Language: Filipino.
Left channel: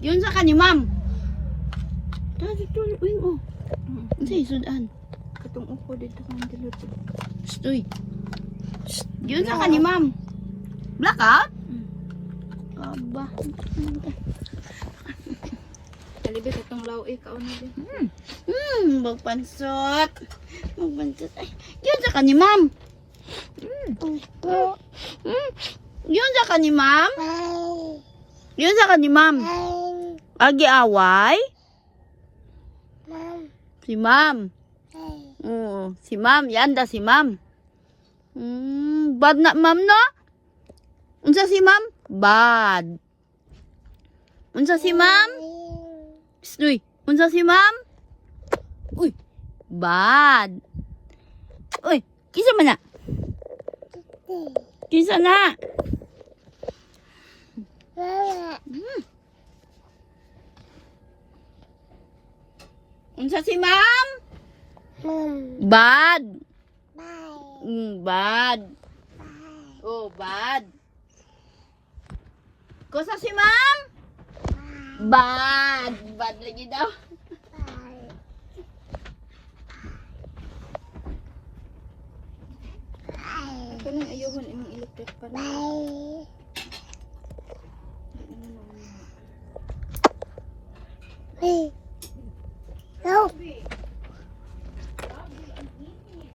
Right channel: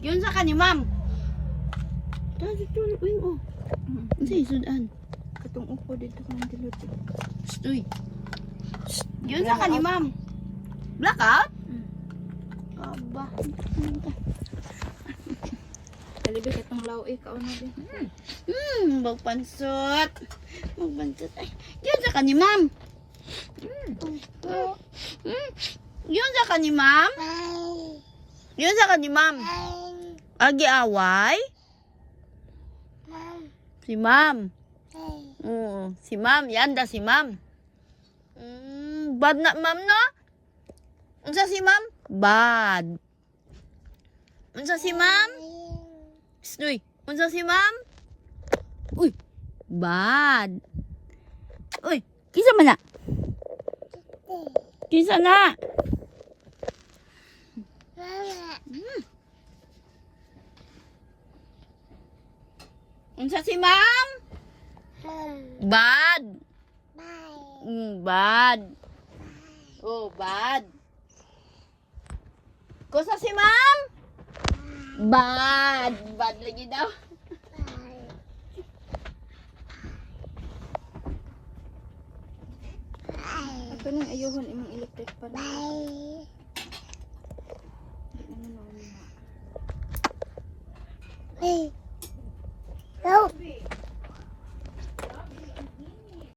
Yun sa kanya, ma'am. Dali to, uy mo. Sa isudan. Katong upo dito kung diluto. Uy. Yun sa kanya, ma'am. Blackout? Aba. Kalibit itong law ikaw na din. Magpansot. Magpansot. Ay, yun sa kanya, ma'am. Yun sa kanya, ma'am. Yun sa kanya, ma'am. Agi away? Si ma'am. Oo, si ma'am. Yan da si ma'am. Bad na, ma'am, no? Unsa si ma'am? Bad. Unsa si ma'am? Uy, unsa si ma'am? Uy, bad. Uy, kisa man na? Kisa na? Unsa si ma'am? Bad. Bad. Oh, bad. Kusa si ma'am? Bad. Bad lagi daw. Ito nang ayuhon imong electric pa na. Hey.